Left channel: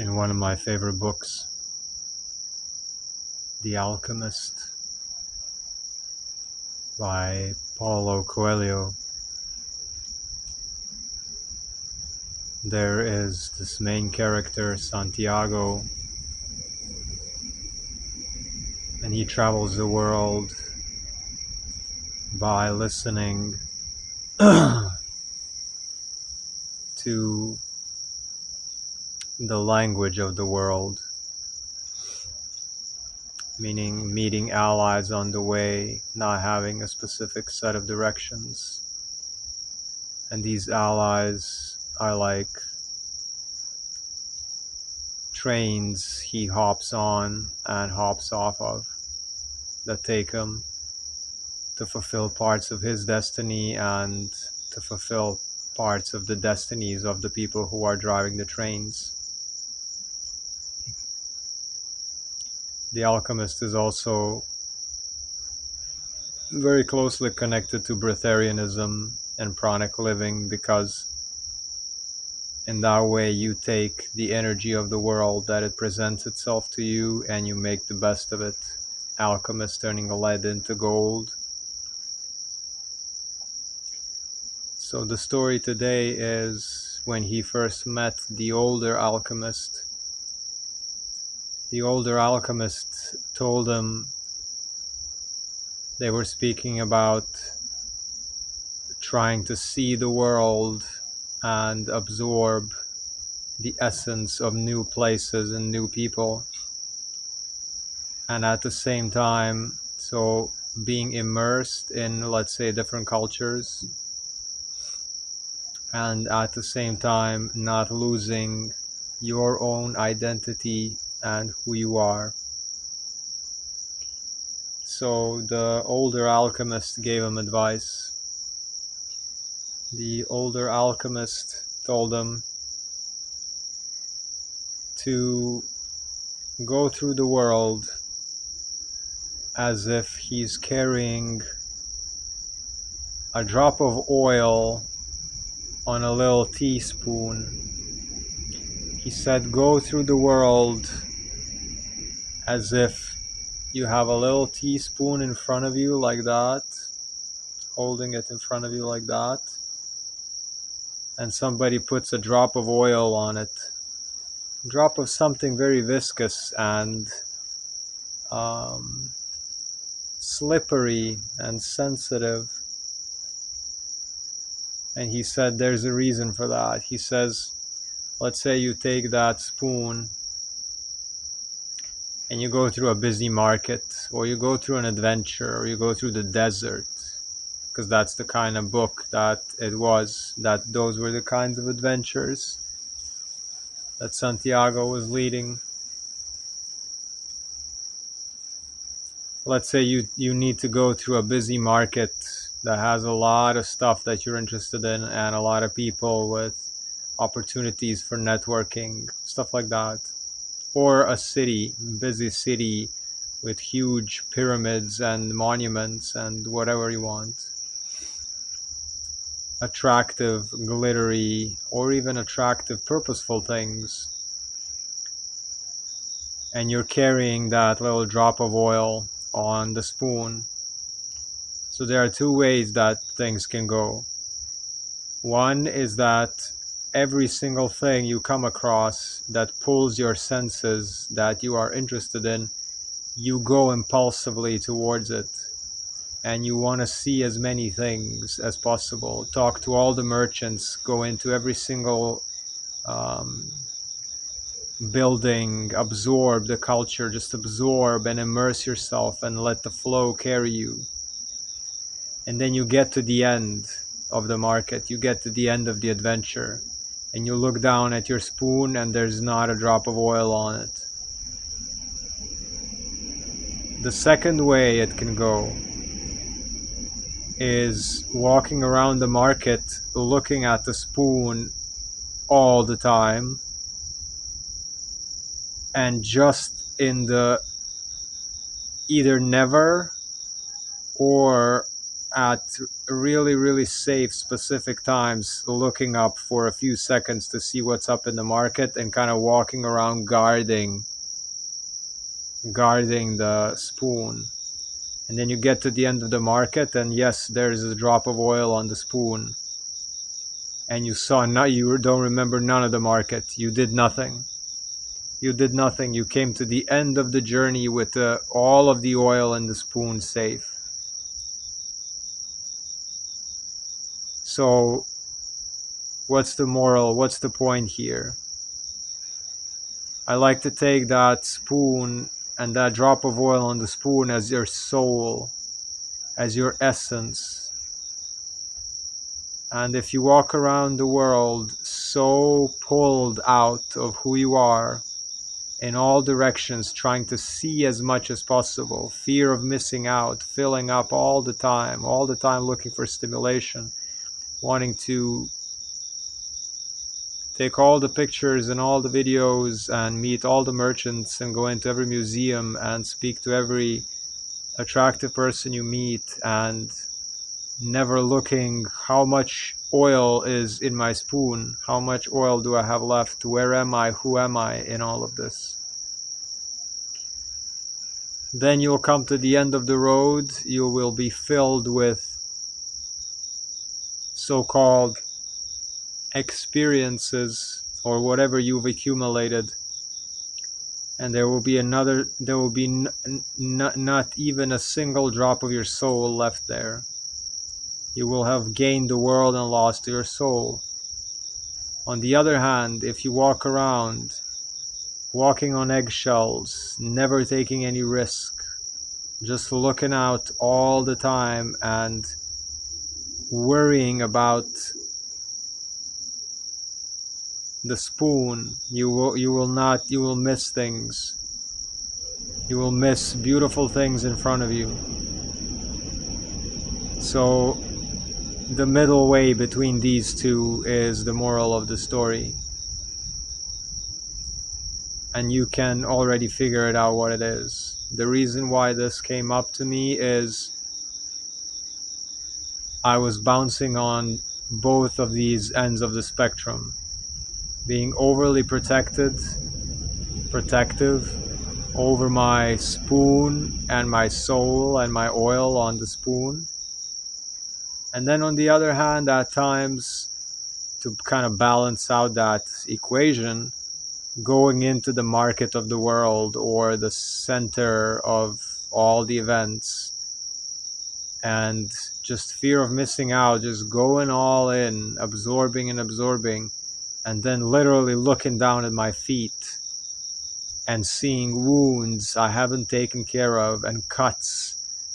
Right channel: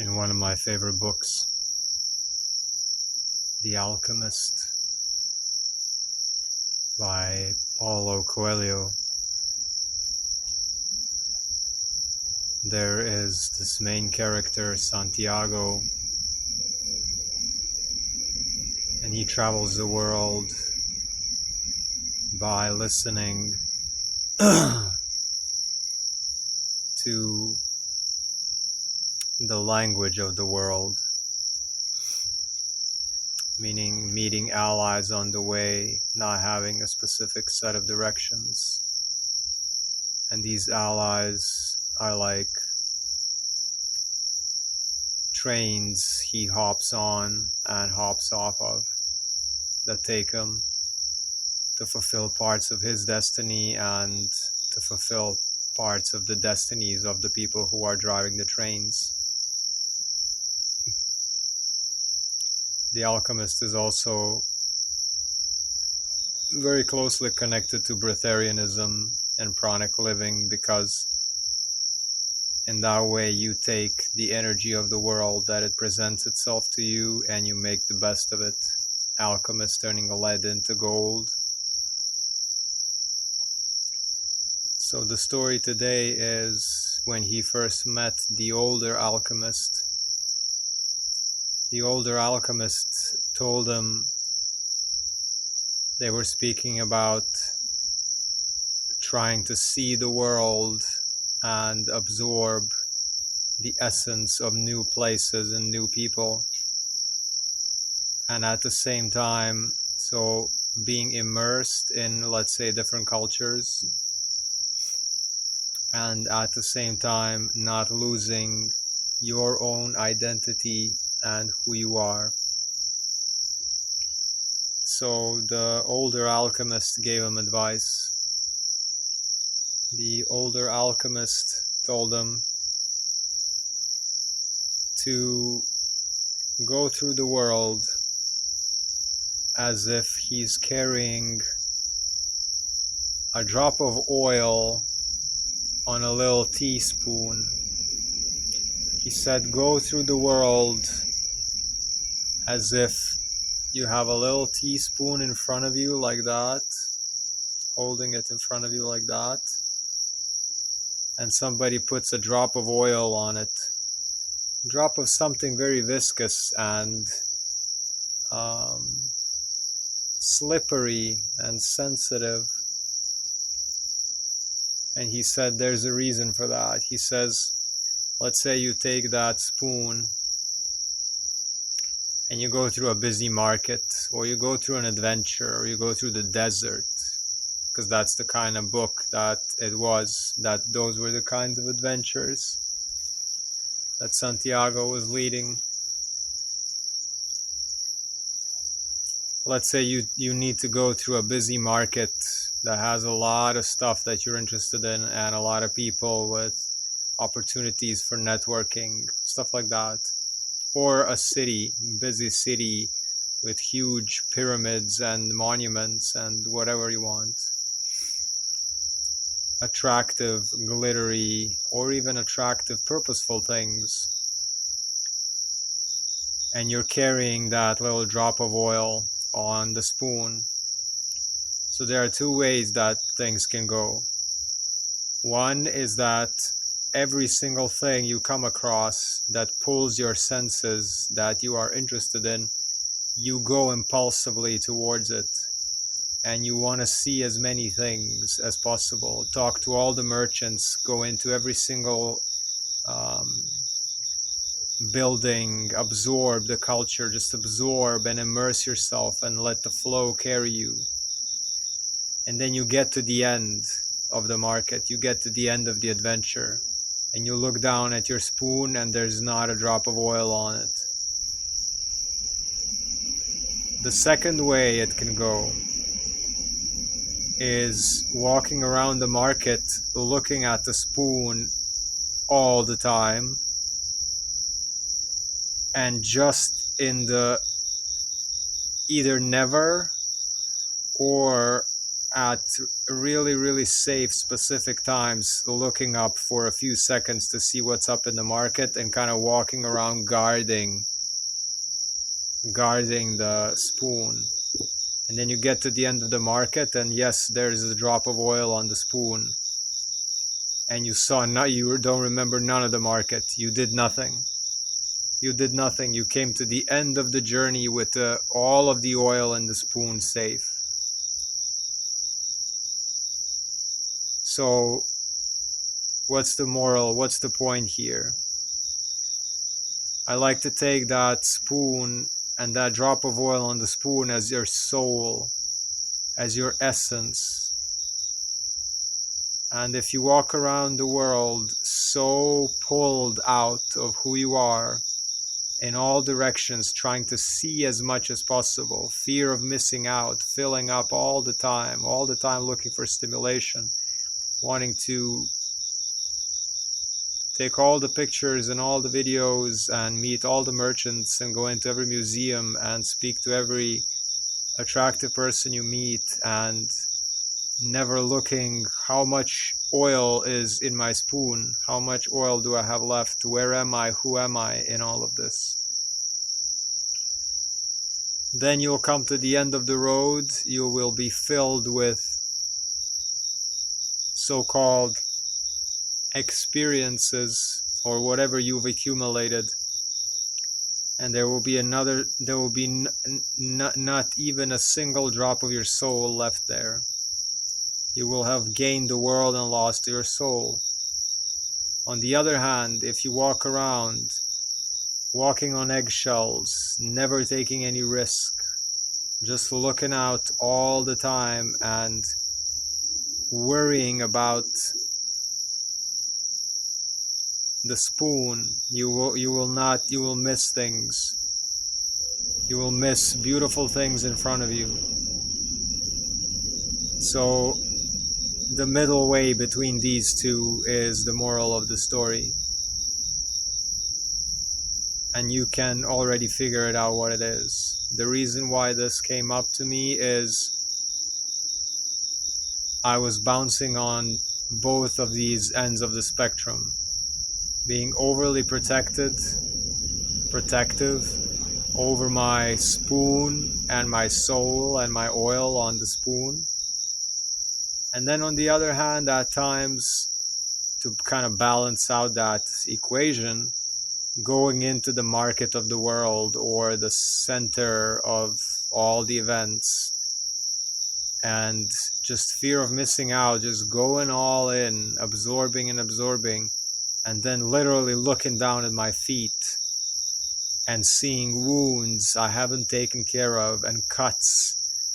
in one of my favorite books, The Alchemist by Paulo Coelho. There is this main character, Santiago, and he travels the world by listening to the language of the world, meaning meeting allies on the way, not having a specific set of directions. And these allies are like trains he hops on and hops off of that take him to fulfill parts of his destiny and to fulfill parts of the destinies of the people who are driving the trains. The Alchemist is also very closely connected to breatharianism and pranic living, because in that way you take the energy of the world that it presents itself to you and you make the best of it. Alchemist turning lead into gold. So the story today is when he first met the older alchemist. The older alchemist told him, they were speaking about trying to see the world and absorb the essence of new places and new people. And at the same time, so being immersed in, let's say, different cultures, and at the same time not losing your own identity and who you are. So the older alchemist gave him advice. The older alchemist told him to go through the world as if he's carrying a drop of oil on a little teaspoon. He said, go through the world as if you have a little teaspoon in front of you like that, holding it in front of you like that, and somebody puts a drop of oil on it, a drop of something very viscous and slippery and sensitive. And he said there's a reason for that. He says, let's say you take that spoon and you go through a busy market, or you go through an adventure, or you go through the desert, because that's the kind of book that it was, that those were the kinds of adventures that Santiago was leading. Let's say you need to go through a busy market that has a lot of stuff that you're interested in and a lot of people with opportunities for networking, stuff like that. Or a city, busy city with huge pyramids and monuments and whatever you want. Attractive, glittery, or even attractive, purposeful things. And you're carrying that little drop of oil on the spoon. So there are two ways that things can go. One is that every single thing you come across that pulls your senses, that you are interested in, you go impulsively towards it. And you want to see as many things as possible. Talk to all the merchants, go into every single building, absorb the culture, just absorb and immerse yourself and let the flow carry you. And then you get to the end of the market, you get to the end of the adventure, and you look down at your spoon and there's not a drop of oil on it. The second way it can go is walking around the market looking at the spoon all the time, and just in the either never or at really, really safe, specific times, looking up for a few seconds to see what's up in the market and kind of walking around guarding the spoon. And then you get to the end of the market, and yes, there's a drop of oil on the spoon. And you don't remember none of the market. You did nothing. You did nothing. You came to the end of the journey with all of the oil in the spoon safe. So, what's the moral? What's the point here? I like to take that spoon and that drop of oil on the spoon as your soul, as your essence. And if you walk around the world so pulled out of who you are, in all directions, trying to see as much as possible, fear of missing out, filling up all the time looking for stimulation, wanting to take all the pictures and all the videos and meet all the merchants and go into every museum and speak to every attractive person you meet, and never looking how much oil is in my spoon, how much oil do I have left, where am I, who am I in all of this. Then you'll come to the end of the road. You will be filled with so-called experiences or whatever you've accumulated, and there will be not even a single drop of your soul left there. You will have gained the world and lost your soul. On the other hand, if you walk around walking on eggshells, never taking any risk, just looking out all the time and worrying about the spoon, you will miss things. You will miss beautiful things in front of you. So the middle way between these two is the moral of the story. And you can already figure it out what it is. The reason why this came up to me is I was bouncing on both of these ends of the spectrum. Being overly protective over my spoon and my soul and my oil on the spoon. And then on the other hand, at times, to kind of balance out that equation, going into the market of the world or the center of all the events, and just fear of missing out, just going all in, absorbing, and then literally looking down at my feet and seeing wounds I haven't taken care of, and cuts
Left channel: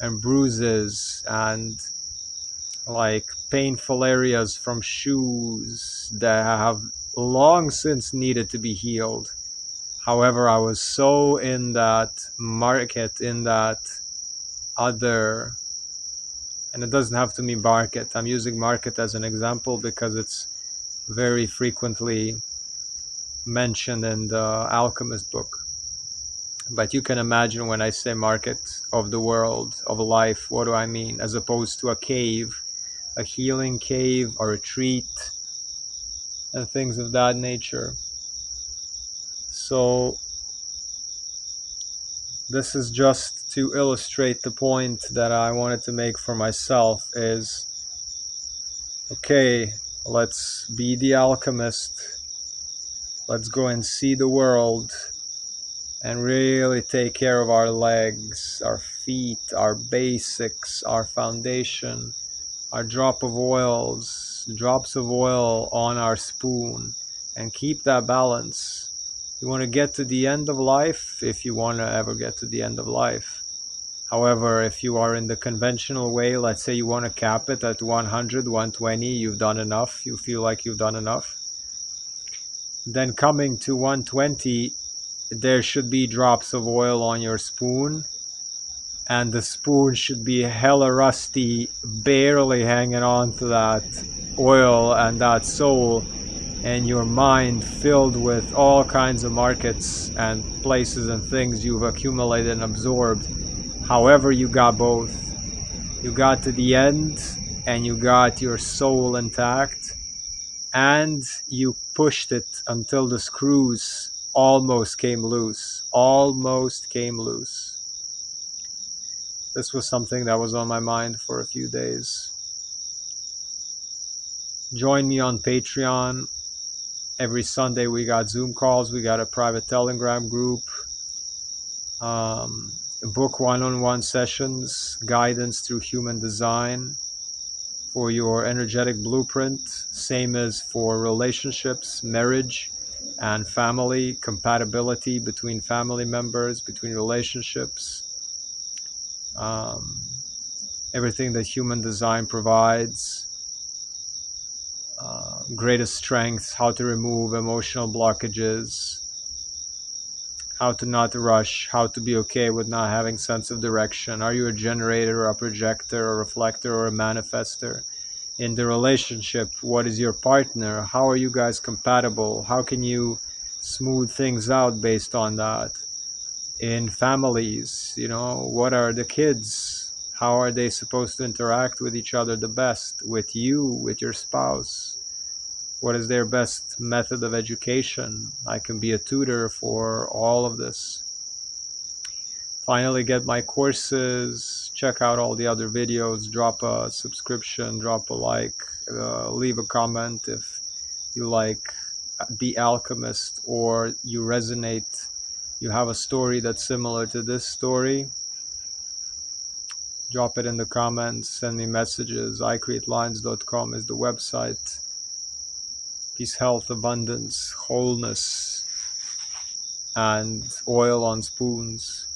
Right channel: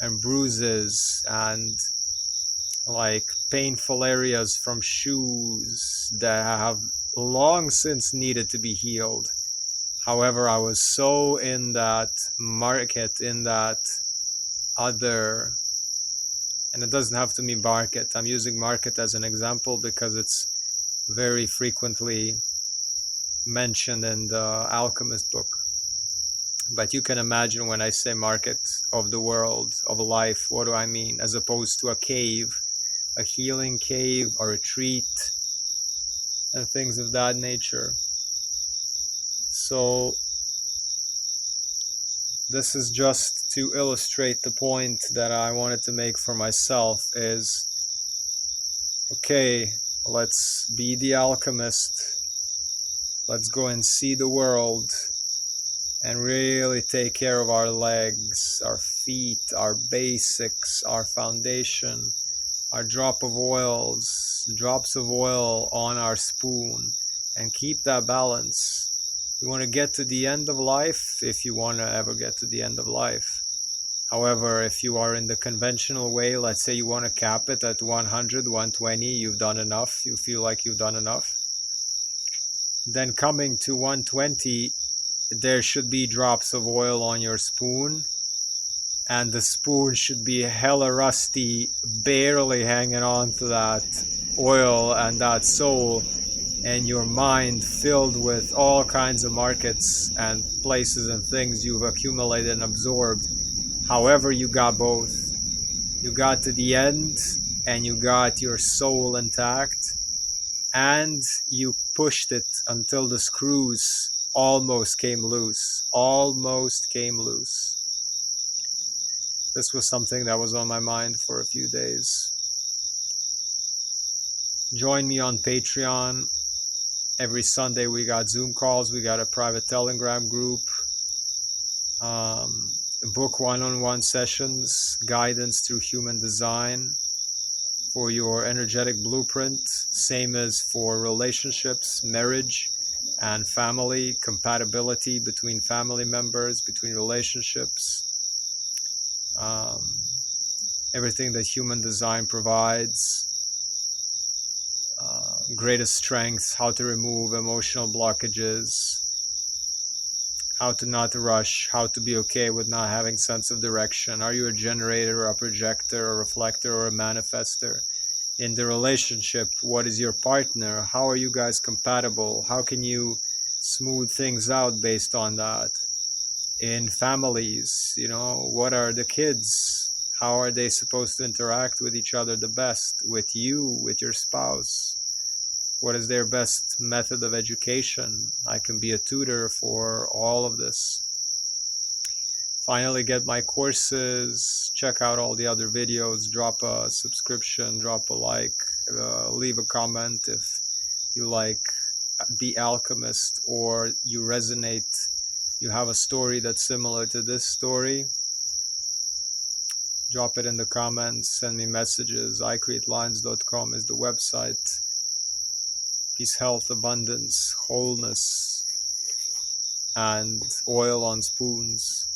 and bruises and like painful areas from shoes that have long since needed to be healed. However, I was so in that market, in that other, and it doesn't have to be market. I'm using market as an example because it's very frequently mentioned in the Alchemist book. But you can imagine when I say market of the world, of life, what do I mean? As opposed to a cave, a healing cave, a retreat, and things of that nature. So this is just to illustrate the point that I wanted to make for myself is, okay, let's be the alchemist. Let's go and see the world and really take care of our legs, our feet, our basics, our foundation, our drops of oil on our spoon, and keep that balance. You want to get to the end of life, if you want to ever get to the end of life. However, if you are in the conventional way, let's say you want to cap it at 100, 120, you've done enough, you feel like you've done enough. Then coming to 120, there should be drops of oil on your spoon, and the spoon should be hella rusty, barely hanging on to that oil and that soul, and your mind filled with all kinds of markets and places and things you've accumulated and absorbed. However, you got both. You got to the end and you got your soul intact, and you pushed it until the screws almost came loose. Almost came loose. This was something that was on my mind for a few days. Join me on Patreon. Every Sunday we got Zoom calls. We got a private Telegram group. Book one-on-one sessions, guidance through human design for your energetic blueprint. Same as for relationships, marriage, and family, compatibility between family members, between relationships. Everything that human design provides. Greatest strengths, how to remove emotional blockages, how to not rush, how to be okay with not having sense of direction. Are you a generator or a projector or a reflector or a manifester? In the relationship, what is your partner? How are you guys compatible? How can you smooth things out based on that? In families, what are the kids? How are they supposed to interact with each other the best? With you, with your spouse? What is their best method of education? I can be a tutor for all of this. Finally, get my courses, check out all the other videos, drop a subscription, drop a like, leave a comment if you like The Alchemist, or you resonate, you have a story that's similar to this story. Drop it in the comments, send me messages. icreatelines.com is the website. Peace, health, abundance, wholeness, and oil on spoons.